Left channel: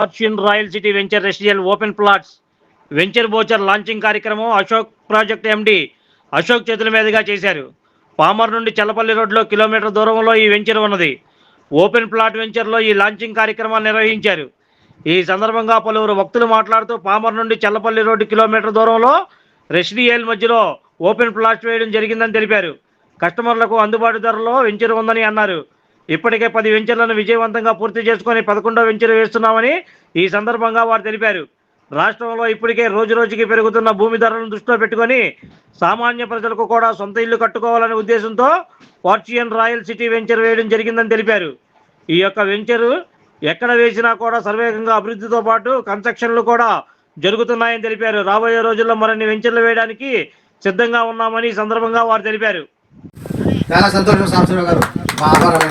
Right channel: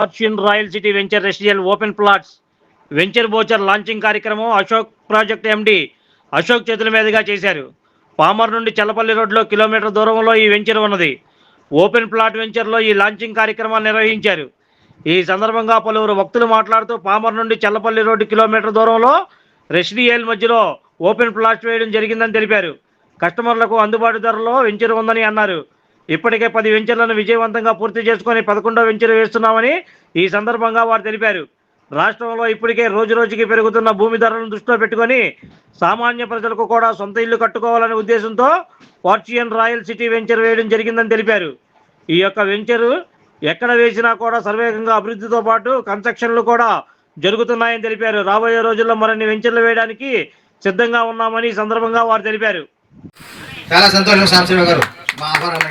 Fortune royal city venture residential open plots venture brochure launching కార్యక్రమం Ashok project ఎండి అశోక్ చేతుల మీదుగా చేశారు. పామర్ నుండి చల్లపల్లి రోడ్లో కిలోమీటర్ దూరంలో ఈ వెంచర్ ఉన్నది. ఓపెన్ ప్లాట్ వెంచర్లో ఈ లాంచింగ్ కార్యక్రమాన్ని నిర్వహించారు. ఈ సందర్భంగా పలువురు భక్తులు మాట్లాడుతూ పామర్ నుండి చల్లపల్లి రోడ్డు కిలోమీటర్ దూరంలో రెసిడియల్ మధ్యలో ఓపెన్ ప్లాట్ వేయడం జరిగిందని తెలిపారు. కస్టమర్లకు అందుబాటు ధరలో వెంచర్ ఉందని అన్నారు. ఇప్పటికే పది వెంచర్లను విజయవంతంగా పూర్తి చేసుకొని పదకొండో వెంచర్ వేస్తున్నామని ఈ సందర్భంగా వారు తెలిపారు. రాష్ట్రంలో ఇప్పటికే రోజు రోజుకి పెరుగుతున్న భూమి ధరలను దృష్టిలో పెట్టుకొని సామాన్య ప్రజలకు కూడా సొంత ఇల్లు కట్టుకోవాలనే ఉద్దేశంతో ఫార్చ్యూన్ రాయల్ సిటీ వెంచర్ వేయడం జరిగిందని తెలిపారు. ఈ యొక్క వెంచరు ఎక్కడ వేసినా కూడా సర్వేగంగా అభివృద్ధితో పాటు కన్స్ట్రక్షన్లు కూడా జరుగుతున్నాయని తెలిపారు. రాబోయే రోజుల్లో మరిన్ని వెంచర్లు వేయడానికి సిద్ధంగా ఉన్నామని ఈ సందర్భంగా వారు తెలిపారు. చాలా సంతోషం గారు. మా ఆహ్వానం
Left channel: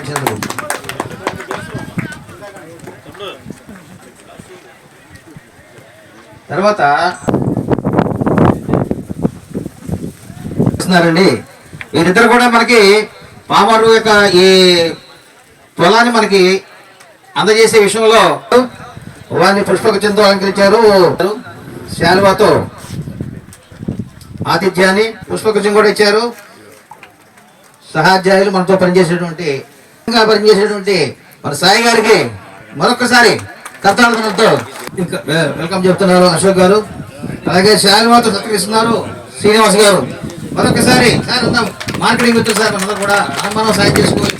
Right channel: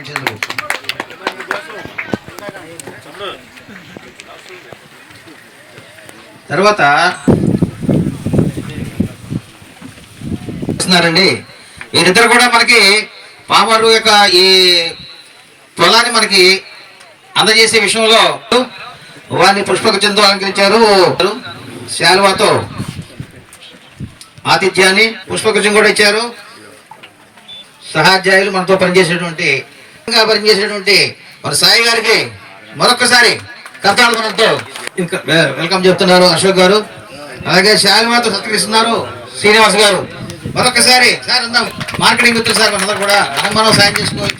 తర్వాత వస్తున్నారండి. వీరిద్దరు కూడా మనకి పామరు యొక్క ఈ పొలాన్ని మనకి అందజేసే విషయంలో వారిని పుష్పగుచ్చంతో అలంకరించారు. శాలువాతో ఆతిథ్యాన్ని పుష్పగుచ్చం కూడా ఇచ్చారు. సహాధ్యాయులు మనతో పనిచేసేటువంటి పనిచేసేటువంటి మన సాయి గారికి మరొకసారి కర్తాలు మనతో వెల్కమ్ చెప్తున్నారు అశోక్ గారు. అలాగే శాలిమాతో సత్కరిస్తున్నారు శ్రీనివాస్ గారు. మరొకసారి సార్ మార్కెటింగ్ వచ్చి సార్ అందరూ కూడా అనుమానం సాయం చేసుకోవాలి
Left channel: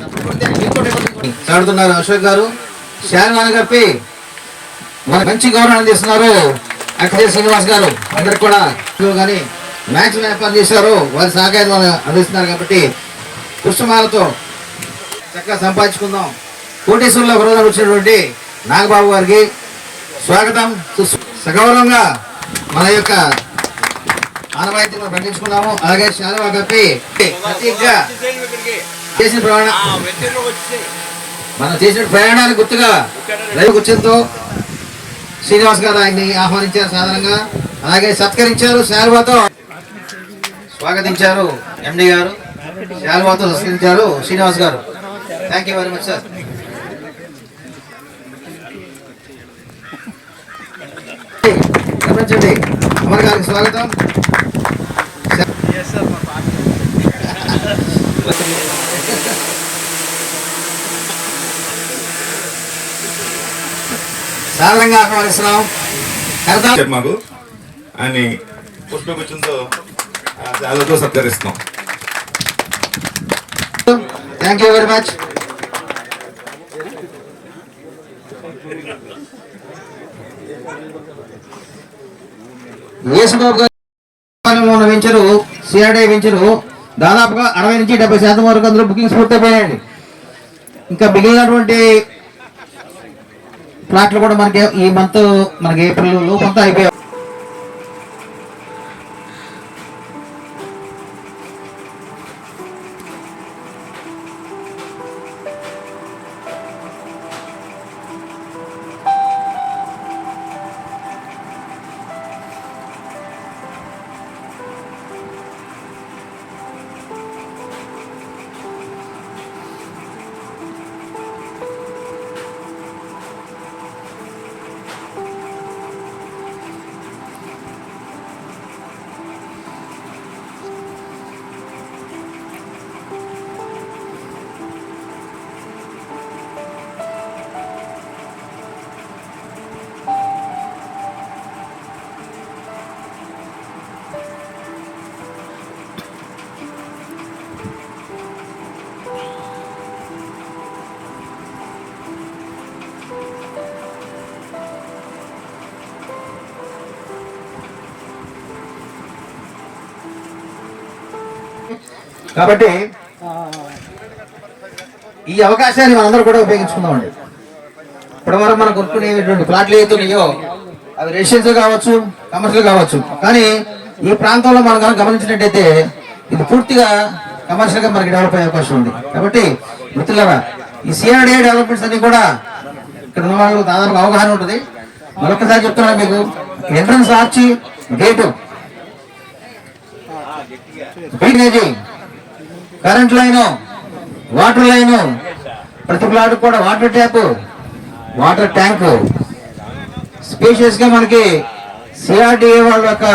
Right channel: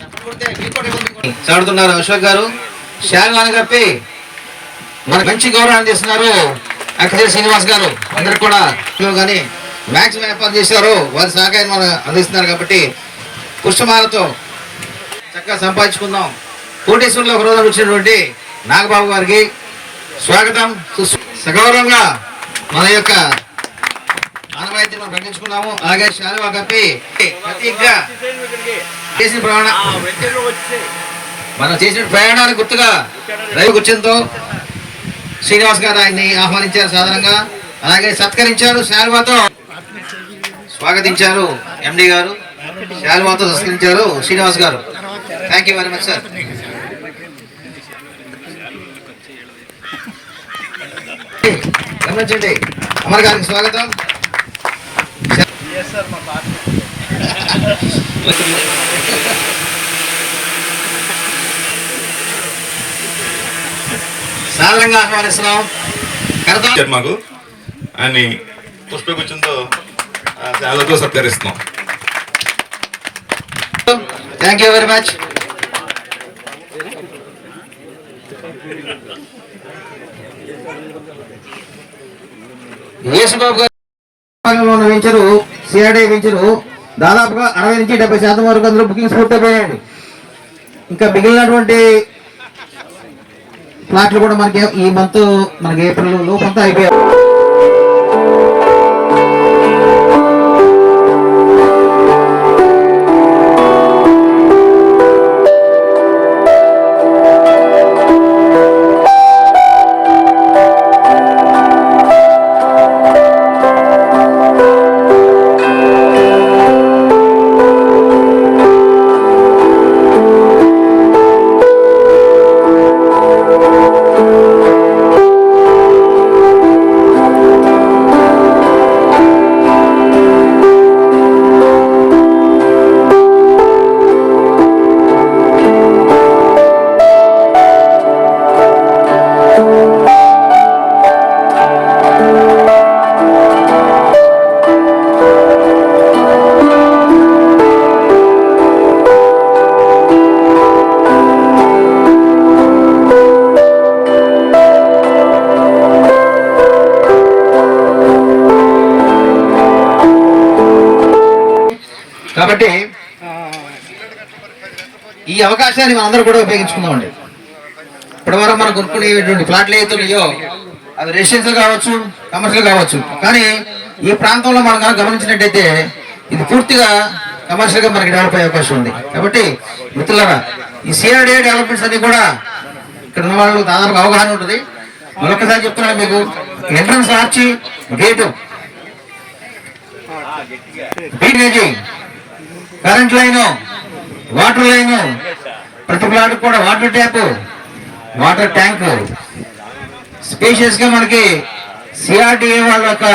చాడుతున్నారు అశోక్ గారు. శాలిమాని కప్పి మన మంచి గౌరవం అందిస్తున్నారు అక్కడే శ్రీనివాస్ గారు. అందరికి కూడా కానీ మ్యాక్సిమం ఏర్పాటు చేశారు. వారి సహకారం అందిస్తున్నారు కాబట్టి పుష్పమాలతో చక్కగా సంపాదించుకుందాం. కోటేశ్వరంలో విరోధం వచ్చినటువంటి నాగబాబు గారికి స్వాగతం. సగౌరవంగా మన యొక్క ఆనవాయితీని మనం ప్రకటించుకున్నాము అలాగే శాలువా కప్పి ప్రత్యేకంగా చేసిన ప్రయాణ మనం చేసిన ప్రయాణానికి గుర్తుగా రైలు కూర్చొనితో శ్రీనివాస్ గారు ఆయన్ని ఆహ్వానించారు సాధారణంగా. అలాగే సత్కరించారు శాలువాతో స్వాగతించారు ఎండి గారు. శాలువాతో సంస్కరించారు. Srinivas garu. Thank you very much sir గమనించండి. అమర్ గారికి స్వాగతం. సాధారణంగా ఆహ్వానిస్తున్నాం. కరతాళ మాకు అని పుష్పగుచ్చంతో చాలాతో సత్కరిస్తున్నాం. Thank you very much Yesubabu garu ఉన్న వెంచరు సిఆర్డీ వెంచరు. దాదాపుగా అరవై నుంచి డెబ్బై శాతం వరకు అందులో బుకింగ్స్ పూర్తయిపోయాయండి. ఇంకా మిగిలినటువంటి ప్లాట్లు కూడా మనకి ఈ మంత్ మనకి ఏప్రిల్ లోపంతా అయిపోయాయి. కాబట్టి ఈ అవకాశాన్ని మనందరూ కూడా ఉపయోగించుకుందామండి. ఇప్పటి వరకు మనం కొనుక్కునేటువంటి ఫ్లాట్లు ఏవైతున్నాయో అవి రెసిడెన్షియల్ కావచ్చు కమర్షియల్ కావచ్చు. కానీ ఈ ప్రాంతంలో మనం కనుక గమనించినట్టయితే ఇది పూర్తిగా కమర్షియల్గా మనకి డెవలప్ అయ్యే అవకాశం ఉంది. కాబట్టి మిత్రులరా ఈ సిఆర్డిఏ డెవలప్మెంట్స్ అన్ని కూడా ఇక్కడ ఉన్న వాళ్ళకు దాదాపు అవగాహన ఉంటుంది. మరొకసారి చెప్తున్నాను మీకు entrance arch gate drainage current line water line ప్రతి ప్లాట్ కూడా వాటర్ ట్యాప్ వాటర్ ట్యాంక్. స్పేషియస్గా మనకి సిఆర్డిఏ వాళ్ళ యొక్క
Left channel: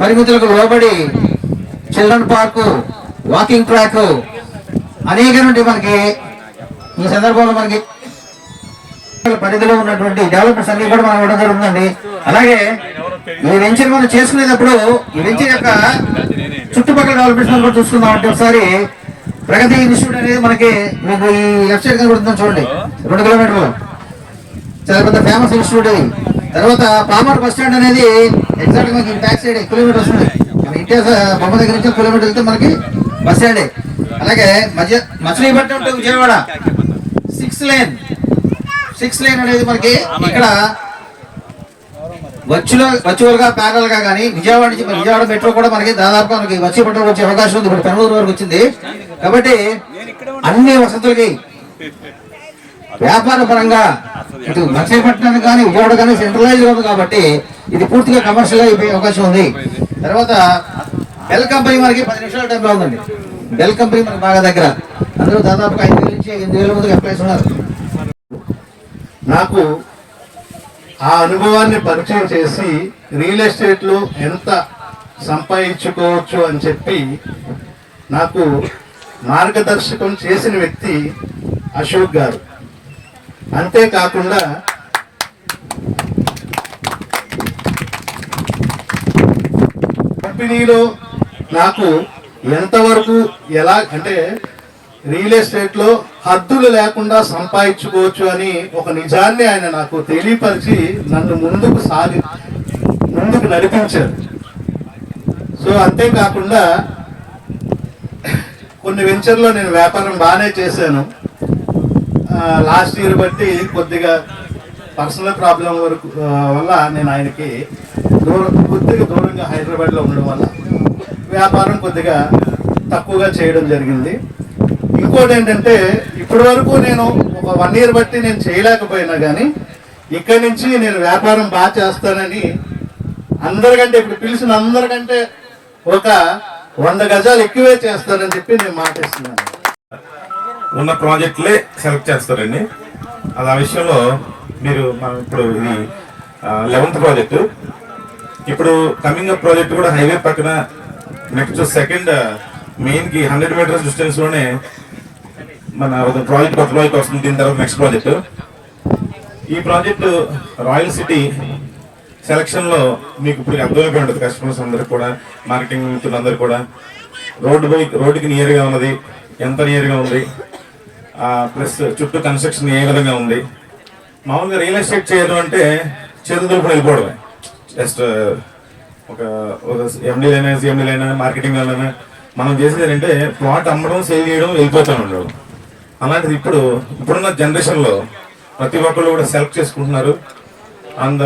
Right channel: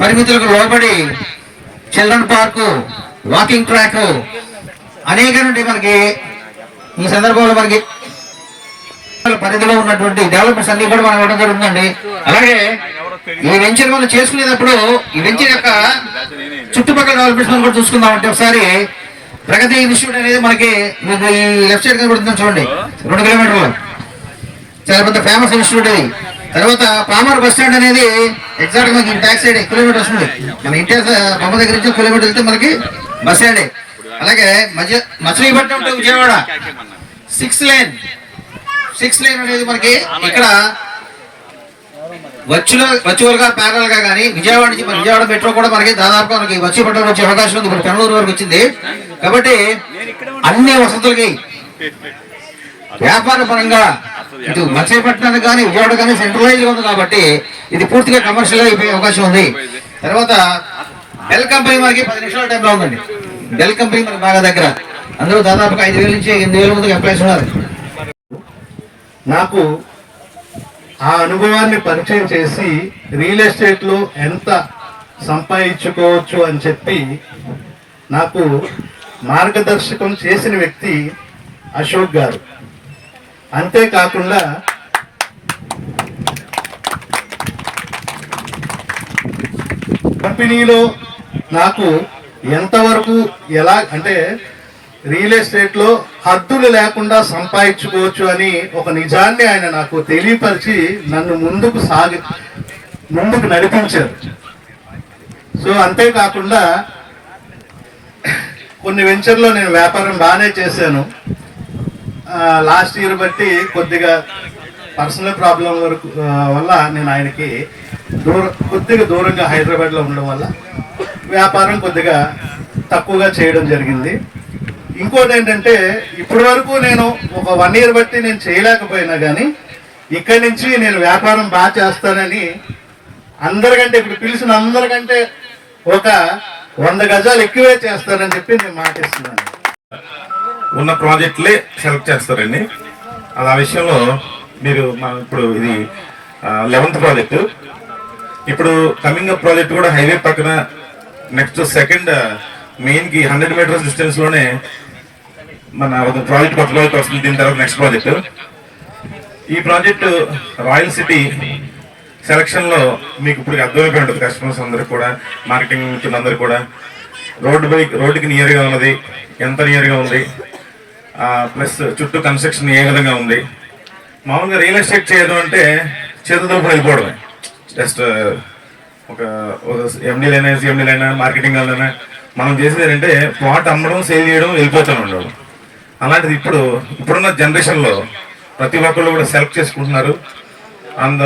పరిమితులకు లోబడి చిల్డ్రన్ పార్కు వాకింగ్ ట్రాక్ అనేక నుండి మనకి ఈ సందర్భంలో మనకి పరిధిలో ఉన్నటువంటి డెవలప్మెంట్స్ అన్ని కూడా మనం ఇవ్వడం జరుగుతుందండి. అలాగే ఈ వెంచర్ మనం చేసుకునేటప్పుడు ఈ వెంచర్ యొక్క చుట్టుపక్కల డెవలప్మెంట్స్ కూడా చూసుకుందాం అంటే ఒకసారి ప్రగతి ఇన్స్టిట్యూట్ అనేది మనకి మీకు ఈ లెఫ్ట్ సైడ్ కనబడుతుంది చూడండి. రెండు కిలోమీటర్లు. చాలా పెద్ద ఫేమస్ ఇన్స్టిట్యూట్ ఇది. తర్వాత పామర్ బస్ స్టాండ్ అనేది ఎగ్జాక్ట్ మనకి బ్యాక్ సైడ్ కిలోమీటర్ వస్తుంది మన ఇంటి బొమ్మ దగ్గర నుంచి కిలోమీటర్ వెళ్తే మనకి బస్ స్టాండ్ అలాగే మధ్య Machilipatnam to Vijayawada. Six line six line అనేది మనకి ఇక్కడ వచ్చులో వర్చువల్గా ప్యారల్గా కానీ విజయవాడ నుంచి మన విజయవాడ మెట్రో కూడా మనకి దాదాపు మనకి వచ్చి పట్టణం వచ్చే అవకాశం ఉంది. ఇప్పుడు పెనూరు వరకు వచ్చింది. కాబట్టి అన్ని వసతులకి వ్యాపార పరంగా ఇటు మచిలీపట్నానికి కానీ విజయవాడ కానీ సెంట్రలైజ్ ఉంది కాబట్టి ఇది పూర్తిగా కమర్షియల్ అయిపోయే అవకాశం ఉంది. తర్వాత బెల్ కంపెనీ మనకి పది నిమిషాల టైంలో ఉందండి. బెల్ కంపెనీ మనకి బాగా దగ్గర. అందరూ దాదాపుగా ఐదు వేల నుంచి ఎనిమిది వేల మందికి ఎంప్లాయీస్ ఉన్నారు. నాకు ఆ అనుభవాన్ని పరిచయం చేసి రియల్ ఎస్టేట్లో ఎంత సంపాదించుకోవచ్చు అని చెప్పి నాకు మార్గదర్శకం చేసిన వ్యక్తి అశోక్ గారు. అంతేకాకుండా కంపెనీలో నాకు ఎంతవరకు ఎలా అంటే రియల్ ఎస్టేట్లో హద్దులు లేకుండా సంపాదించుకోవచ్చు అని ఒక నిజాన్ని ఆయన నాకు తెలియపరిచి నన్ను ముందుకు సాగి ముందుకు నడిపించారు. సో అంతేకాకుండా కొన్ని వెంచర్లో నేను వ్యాపారం బాగానే చేశాను. లాస్ట్ ఇయర్ బట్టి కొద్దిగా పర్సనల్ ప్రాబ్లం వరకు వల్ల నేను ఆయనకి దూరం కొద్దిగా దూరంగా హైదరాబాద్లో ఉండడం వల్ల వ్యాపారం కొద్దిగా తక్కువగా చేయడం జరిగింది. ఇంకోటి ఏంటంటే ఇప్పటి వరకు నేను ఒక వన్ ఇయర్ బట్టి నేను చేయలేకపోయినా కానీ ఇక్కడి నుంచి నేను వ్యాపారం బాగా చేస్తానని అందరికంటే ఇప్పుడు పిలిచిన అందరికంటే ఒక వంద గజాలు ఎక్కువే చేస్తానని చెప్పి నేను మాటిస్తున్నాను. ఉన్న ప్రాజెక్టులే సెలెక్ట్ చేస్తారండి. అది ఆ విషయంలో మీరు మనం ఇప్పుడు ఇది లెవెంత్ ప్రాజెక్టు. ఇప్పుడు కమింగ్ అప్ ప్రాజెక్ట్ కూడా హైవే పక్కన నెక్స్ట్ సెకండ్ మెయిన్కి హండ్రెడ్ మీటర్స్ డిస్టెన్స్లోనే మన ఒక ప్రాజెక్ట్ కొత్త వస్తుంది దీని తర్వాత నెక్స్ట్ ప్రాజెక్ట్ ఈ ప్రాజెక్టు రాయల్ సిటీ సెలక్షన్లో మీకు ఇప్పుడు అర్థమైపోయి ఉంటుంది కస్టమర్స్ అందరికి కూడా మార్కెటింగ్ అందరూ కూడా. రోడ్డు బైక్ రోడ్డుకి నియర్గా ఉన్నది ఎంత నియర్గా ఉంది ప్లస్ చుట్టూ కన్స్ట్రక్షన్ ఏ విధంగా ఉంది. మామూలుగా రియల్ ఎస్టేట్ చేయడం అంటే చేతులతో వెళ్ళిపోవడమే. జస్ట్ ఒక ఒక ఎండీలైనా సిఎండీలైనా మార్కెటింగ్ వాళ్ళైనా మనం చేసేది ఏంటంటే ప్లాట్ అమ్మడం సేల్ చేయడం వెళ్ళిపోతాం ఉండడం అలాంటిది ఇప్పుడు ఇప్పుడున్న జనరేషన్లో ప్రతి ఒక్కళ్ళు కూడా సెలెక్ట్ చేసుకుంటున్నారు. అండ్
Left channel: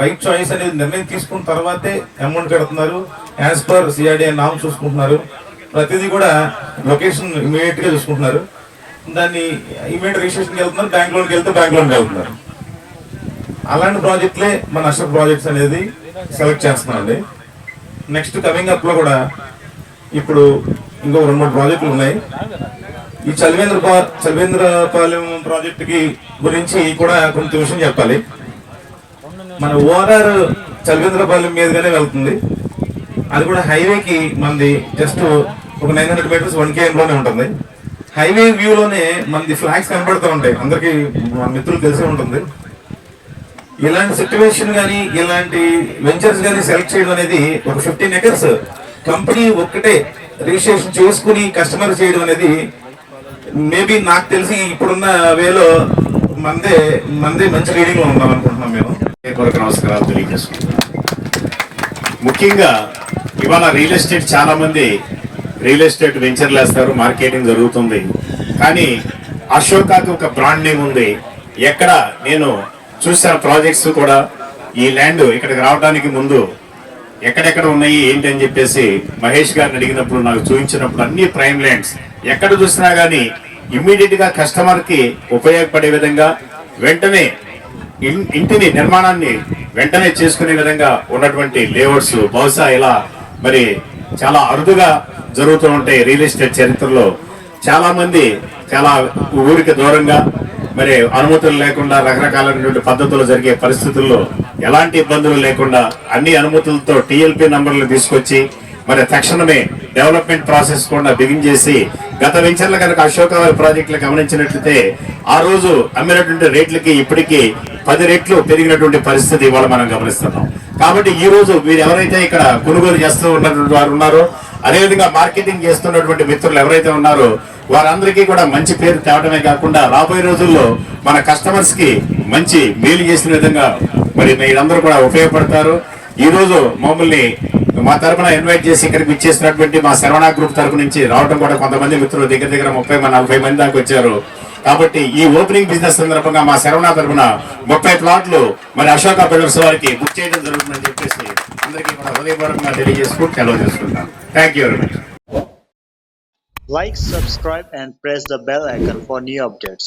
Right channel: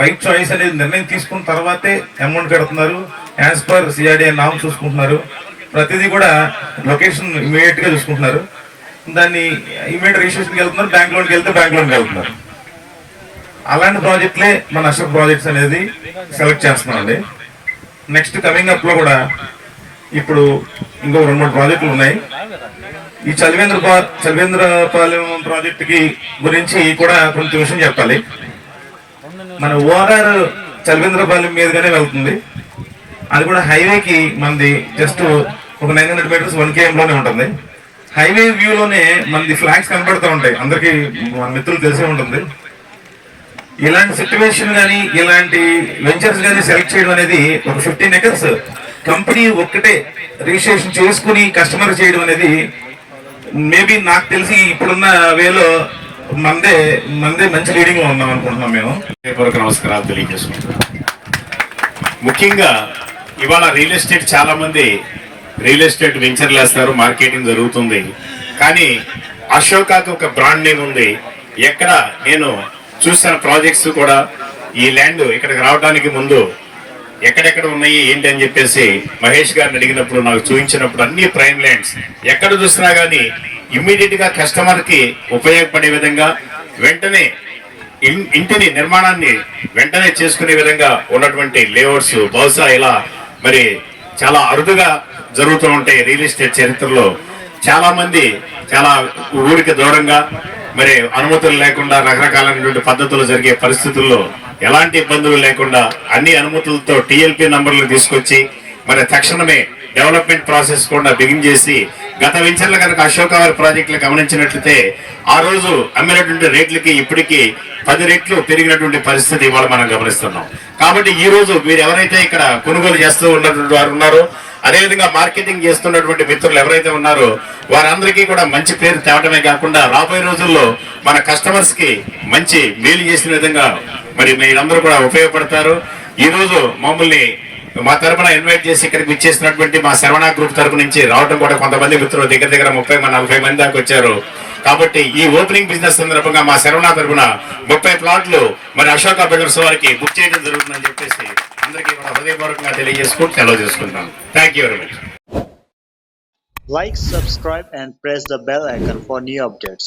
రైట్ చాయిస్ అనేది నిర్ణయం తీసుకున్న తర్వాతే అమౌంట్ కడుతున్నారు. యాజ్ పర్ సిఆర్డిఏ నామ్ చూసుకుంటున్నారు. ప్రతిదీ కూడా లొకేషన్ ఇమీడియట్గా చూసుకుంటున్నారు. దాన్ని ఇమీడియట్ రిజిస్ట్రేషన్కి వెళ్తున్నారు. బ్యాంక్ లోన్కి వెళ్తే బ్యాంక్ లోన్కి వెళ్తున్నారు. అలాంటి ప్రాజెక్టులే మన అశోక్ ప్రాజెక్ట్స్ అనేది సెలెక్ట్ చేస్తున్నామండి. నెక్స్ట్ కమింగ్ అప్లో కూడా ఇప్పుడు ఇంకో రెండు మూడు ప్రాజెక్టులు ఉన్నాయి. ఈ చలివేంద్ర చలివేంద్రపాలెం ప్రాజెక్టుకి గురించి కూడా కొంచెం విషయం చెప్పాలి. మన ఓఆర్ఆర్ చలివేంద్రపాలెం మీదుగానే వెళ్తుంది. అది కూడా హైవేకి మనది జస్ట్ ఒక నైన్ హండ్రెడ్ మీటర్స్ వన్ కేఎంలోనే ఉంటుంది. హైవే వ్యూలోనే మనది ఫ్లాగ్స్ కనబడుతూ ఉంటాయి. అందరికి మన మిత్రులు తెలిసే ఉంటుంది. ఇలాంటి సిచ్యువేషన్ కానీ ఇలాంటి వెంచర్స్ కానీ సెలెక్ట్ చేయడం అనేది ఒక ఫిఫ్టీన్ ఎకర్స్ కంపెనీ ఒక్కటే రిజిస్ట్రేషన్ చేసుకుని కస్టమర్ చేయడం అనేది మేబీ నాకు తెలిసి ఇప్పుడున్న వేలో మందే మందే మంచి రీడింగ్లో ఉన్నాం అనుకుంటున్నాం మేము. కొరకు నమస్కారాలు తెలియజేసుకుంటున్నాం. ముఖ్యంగా ఇవాళ రియల్ ఎస్టేట్ చాలా మంది రియల్ ఎస్టేట్ వెంచర్లు వేస్తారు మార్కెటింగ్ జరుగుతుంది. కానీ అశోకాకి ఒక బ్రాండ్ నేమ్ ఉంది. ఎక్కడ నేను చూసిన ప్రాజెక్ట్స్ కూడా ఈ ల్యాండ్ ఇక్కడికి రావడానికి ముందు ఎక్కడెక్కడ ఉన్నాయి ఏంటి అని చెప్పేసి మహేష్ గారిని అడిగినప్పుడు నాకు చూపించినప్పుడు అన్ని ప్రైమ్ ల్యాండ్స్ ఎక్కడ చూసినా కానీ ఇమ్మీడియట్గా కస్టమర్కి ఉపయోగపడే విధంగా వెంటనే ఇంటిని నిర్మాణాన్ని వెంటనే చేసుకునే విధంగా ఉన్నటువంటి లేఅవుట్స్ బహుశా ఇలా మరి చాలా అరుదుగా జరుగుతూ ఉంటాయి రియల్ ఎస్టేట్ చరిత్రలో. చాలా మంది చాలా ఊరికి దూరంగా మరి అనుమతులు లేకుండా రకరకాలైనటువంటి పద్ధతులు జరిగే పరిస్థితుల్లో ఎలాంటి ఇబ్బందులు లేకుండా అన్ని అనుమతులతో టిఎల్పి నంబర్లు తీసుకొచ్చి మరి తక్షణమే డెవలప్మెంట్ ప్రాసెస్ కూడా బిగిన్ చేసి గత వెంచర్ల కనుక అశోకవారి ప్రాజెక్టులు గమనించినట్లయితే ఆ రోజు అమ్మినటువంటి రేట్లకి ఇప్పటికీ పది రెట్లు పెరిగినటువంటి పరిస్థితి ఇవాళ మనం గమనిస్తున్నాం. కాబట్టి ఈ రోజు మీరు ఎవరైతే ఇక్కడ కొనుగోలు చేస్తూ ఉన్నటువంటి వారు ఉన్నారో అదేవిధంగా మార్కెటింగ్ చేస్తున్నటువంటి మిత్రులు ఎవరైతే ఉన్నారో వారందరికీ కూడా మంచి పేరు తేవటమే కాకుండా రాబోయే రోజుల్లో మన కస్టమర్స్కి మంచి మేలు చేసిన విధంగా మరి మీరందరూ కూడా ఉపయోగపడతారు. ఈ రోజు మమ్మల్ని మా తరపున ఇన్వైట్ చేసి ఇక్కడికి ఇచ్చేసినటువంటి మా శరవణ గ్రూప్ తరపు నుంచి రావడం కూడా కొంతమంది మిత్రులు దగ్గర దగ్గర ముప్పై నలభై మంది దాకా వచ్చారు. కాబట్టి ఈ ఓపెనింగ్ బిజినెస్ సందర్భంగా మా శరవణ తరపున ముప్పై ప్లాట్లు మరి అశోక బిల్డర్స్ వారికి బుక్ చేయడం జరుగుతుందని చెప్పేసి అందరికీ కూడా హృదయపూర్వకంగా తెలియజేసుకుంటూ సెలవు చేసుకుంటాను thank you very much Like, subscribe, and press the bell icon for new updates.